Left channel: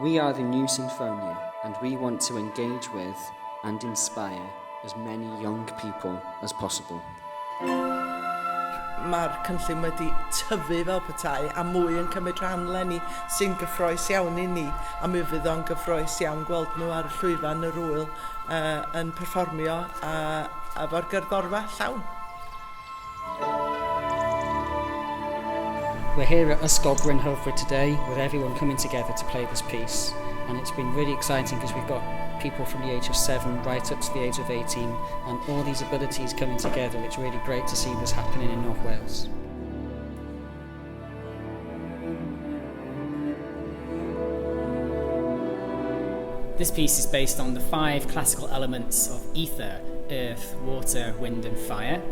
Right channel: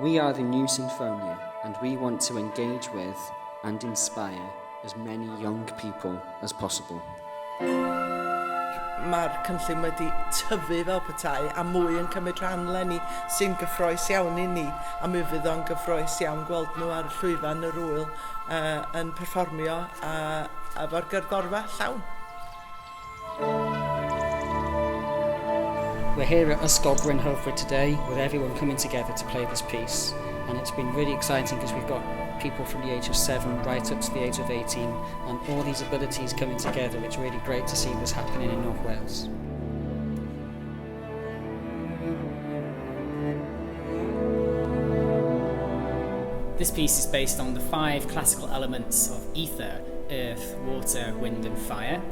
We are the new Sinfonia, and we want to engage with and inspire as many young people as possible. Mae'r cynllun wedi tyfu fel petai a mwy yn cymryd rhan leni sy'n gyffroes iawn i ni, a mi fydd o'n gyffroes iawn gweld nhw ar y llwyfan yr ŵyl yn perfformio efo'r gerddorfa llawn. We're here at Ysgol Bryn Howford today with everyone coming together to play this piece, and it's been really exciting because we've got people from the age of 7 right up to the age of 18 and all these abilities coming together. It's really great to see this happening in North Wales. This piece is based on the 5 classical elements of ether, earth, water, wind and fire.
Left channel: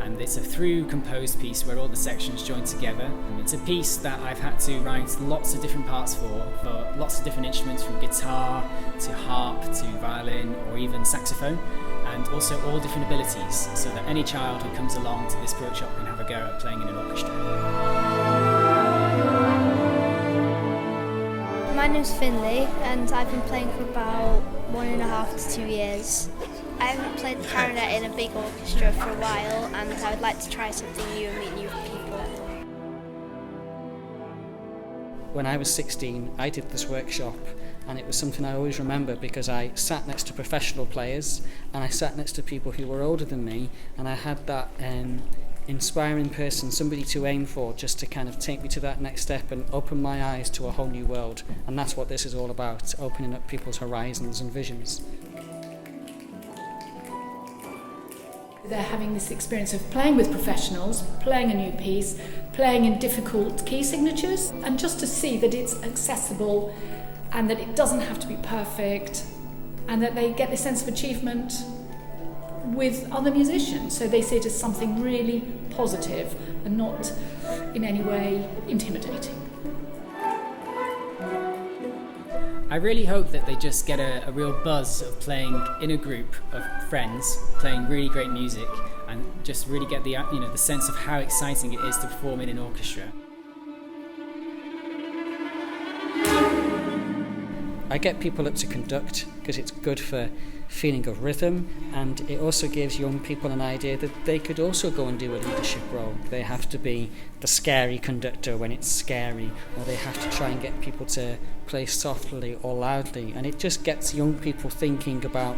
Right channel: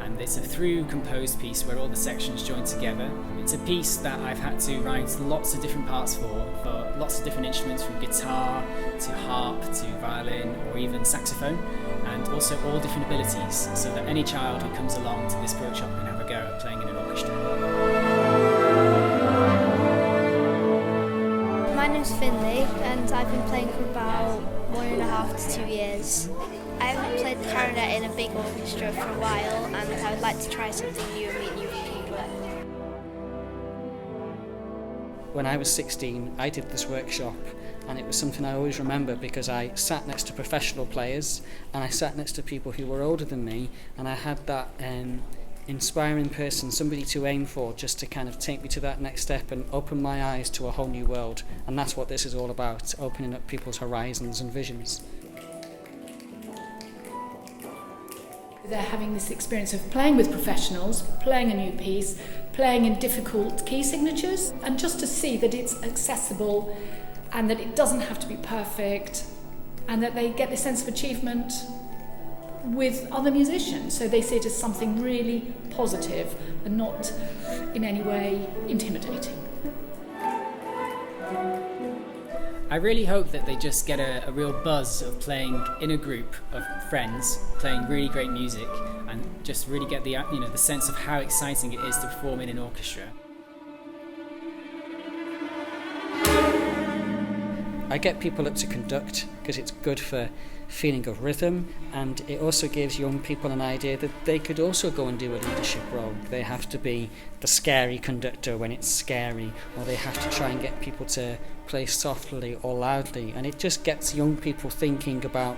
And it's a through-composed piece where all the sections join together. It's a piece that I've had to write lots of different parts for lots of different instruments, from guitar to harp to violin or even saxophone, and also all different abilities, so that any child who comes along to this workshop can have a go at playing in an orchestra. My name's Finley and I've been playing for about 1.5 to 2 years. I haven't played the clarinet in a big orchestra for a while, and I would like to try something new and meet new people. When I was 16, I did this workshop, and it was something I always remember because I sat next to professional players and I sat next to people who were older than me, and I had that inspiring person, somebody to aim for, just to kind of take me to that next step and open my eyes to a whole new world. And that's what this is all about, opening up people's horizons and visions. They're having this experience of playing with professionals, playing a new piece, playing in difficult key signatures, and just to see that it's accessible and that it doesn't have to be perfect, and that they get this sense of achievement with other musicians. So they see it as something really positive and not in any way intimidating. I really hope that they just get a real buzz of playing in a group of friends, playing really great music, and just really get the sense of how exciting it is to perform in an orchestra. I get people up to conduct because it's good for feeling of rhythm, and it also gives young people an idea that they could also go and do a leadership role. They have to be the scary conductor when it's scary, or they have to try and get people to play softly or loudly, and it just gets young people thinking about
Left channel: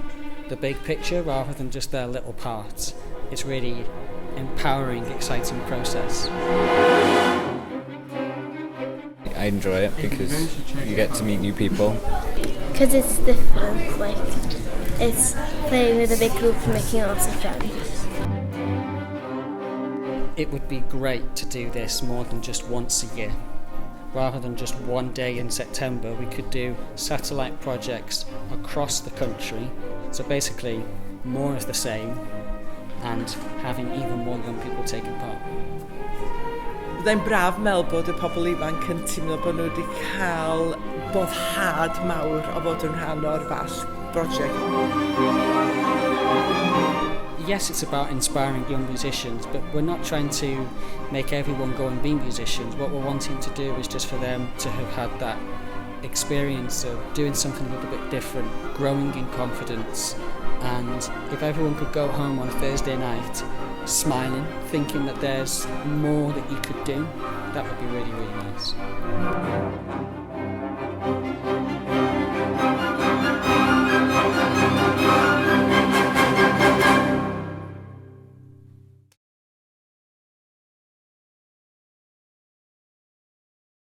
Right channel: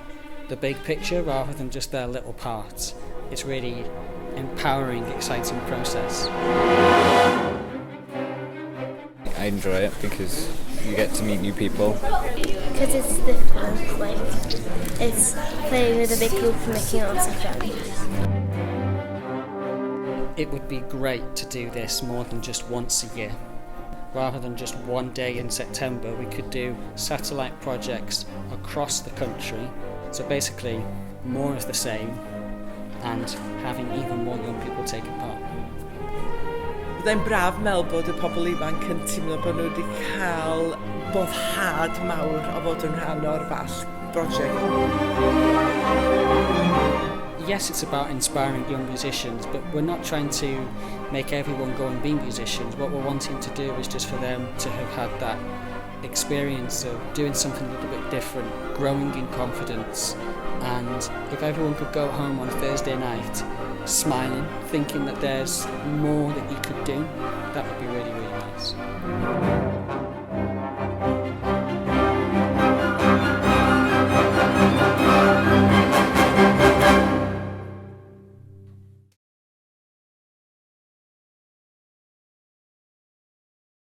the big picture rather than just their little part. It's really empowering, exciting process. I enjoy it because you get to meet new people. Because it's different, like it's playing with a big group and making lots of friends. It would be great to do this more than just once a year. Rather than just one day in September, we could do satellite projects across the country. So basically, more of the same, and having even more young people taking part. Byddai'n braf meddwl bod y pobl ifanc yn teimlo bod nhw wedi cael boddhad mawr o fod yn rhan o'r fath brosiect. Yes, it's about inspiring young musicians, but we're not trying to make everyone go and be musicians. What we're wanting to do is just for them to have had that experience of doing something a little bit different, growing in confidence, and if everyone could go home on Thursday night smiling, thinking that there's more that you could do, that would be really, really nice.